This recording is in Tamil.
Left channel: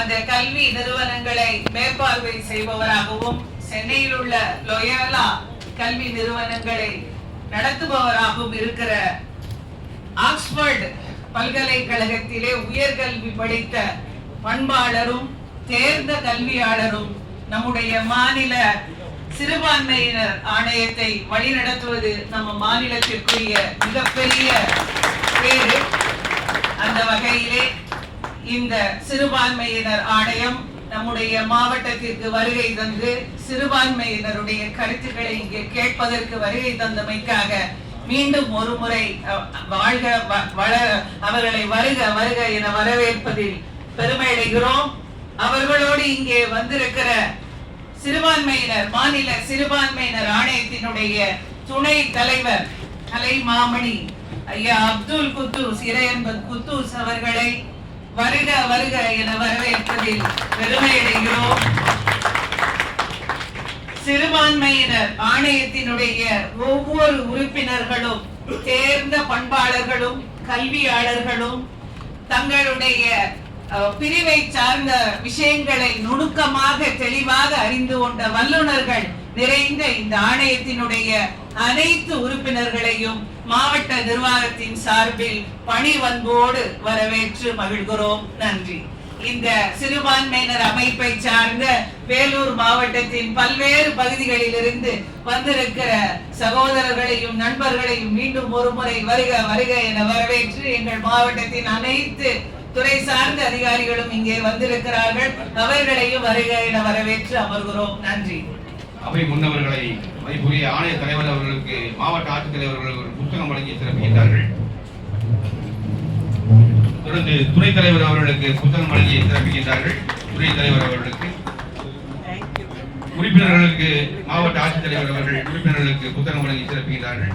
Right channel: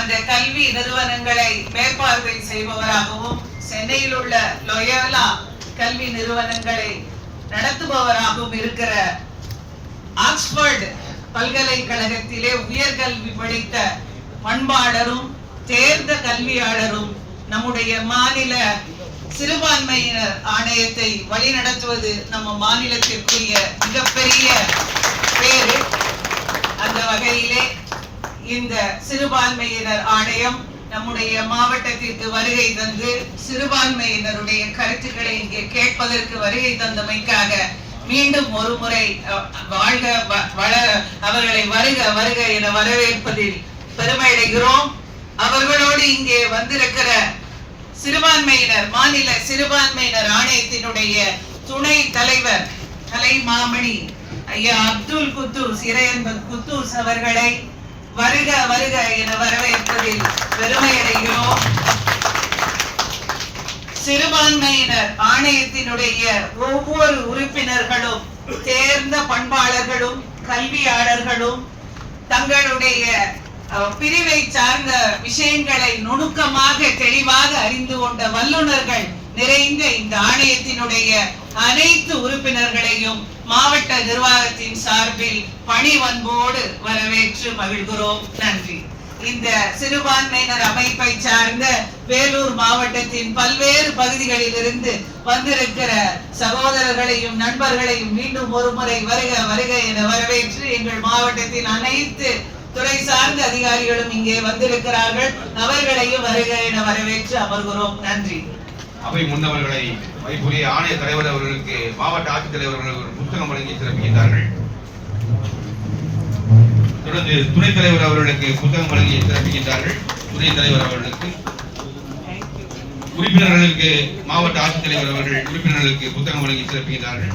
அந்த கல்வி நிறுவனங்களை மேற்பார்வை செய்பவராகவும் சென்னையில் உள்ள லொயோலா கல்வி நிறுவனங்களை நடத்துபவராகவும் இருக்கிற ஆக்ஸ்போர்டு பல்கலைக்கழகத்திலே உயர்கல்வி படித்த பண்பாளரும் தேர்ந்த கல்வியாளரும் நம்முடைய மாநில சிறுபான்மையினர் ஆணையத்தை வழிநடத்துவது நம்ம மாநிலத்திற்குரிய மிகப்பெரிய பேரு அந்த வகையிலே இந்த சிறுபான்மையினர் ஆணையம் நம்முடைய மாவட்டத்திற்கு வருகை தந்து சிறுபான்மையினருடைய கருத்துக்களை இங்கே கேட்பதற்கு வருகை தந்தமைக்காக மீண்டும் ஒரு முறை வாழ்க வ- வள அவர்களை வருக வருக என வரவேற்பதில் பெருமையடைகிறோம். அவர்களோடு இங்கே வந்திருக்கிற சிறுபான்மையினர் மாநில சிறுபான்மையினர் ஆணையத்தினுடைய துணை தலைவர் கலை மாமணி ஐயா அப்துல் குத்தூஸ் இறையன்பன் குத்தூஸ் அவர்களை வருக வருக என வரவேற்பதில் பெருமையடைகிறோம். சிறுபான்மையினர் ஆணையத்தினுடைய ஒவ்வொரு உறுப்பினர்களும் தேர்ந்த பண்பாளர்களும் கல்வியாளர்களும் தங்களுடைய பிரிவை சார்ந்த விஷயங்களை நுணுக்கமாக தெளிவாக அறிந்து கொண்ட வல்லுநர்கள் நிறைந்த இந்த ஆணையத்தினுடைய அனைத்து உறுப்பினர்களையும் மாவட்ட நிர்வாகத்தின் சார்பில் பணிவன்போடு வரவேற்று மகிழ்கிறோம். நன்றி. இந்த சிறுபான்மையினர் அமைப்பை சார்ந்த வேலூர் மாவட்டத்தின் பல்வேறு பகுதிகளில் இருந்து வந்திருக்கிற சகோதரர்களையும் நண்பர்களையும் மீண்டும் ஒரு முறை வருக வருக என வரவேற்று எங்கள் மாவட்டத்தின் அனைத்து துறை சார்ந்த அதிகாரிகளும் இங்கே வந்திருக்கிறார்கள். அவர்களையும் வருக என வரவேற்று அமர்கிறோம். நன்றி. அவை முன்னவர்களை வைப்புரிய ஆணைய தலைவர் அவர்களுக்கு மாவட்ட ஆட்சித்தலைவர்கள் ஒரு புத்தகம் வழங்கி சிறப்பிக்கின்றார்கள். தொடர்ந்து துணைத் தலைவர் அவர்களுக்கு புத்தகம் வழங்கி சிறப்பிக்கின்றார்கள். துணைத் தலைவர் அவர்களுக்கு உறுப்பினர்களுக்கு மாவட்ட ஆட்சித்தலைவர் அவர்கள் உறுப்பினர்களுக்கு புத்தகம் வழங்கி சிறப்பிக்கின்றார்கள்.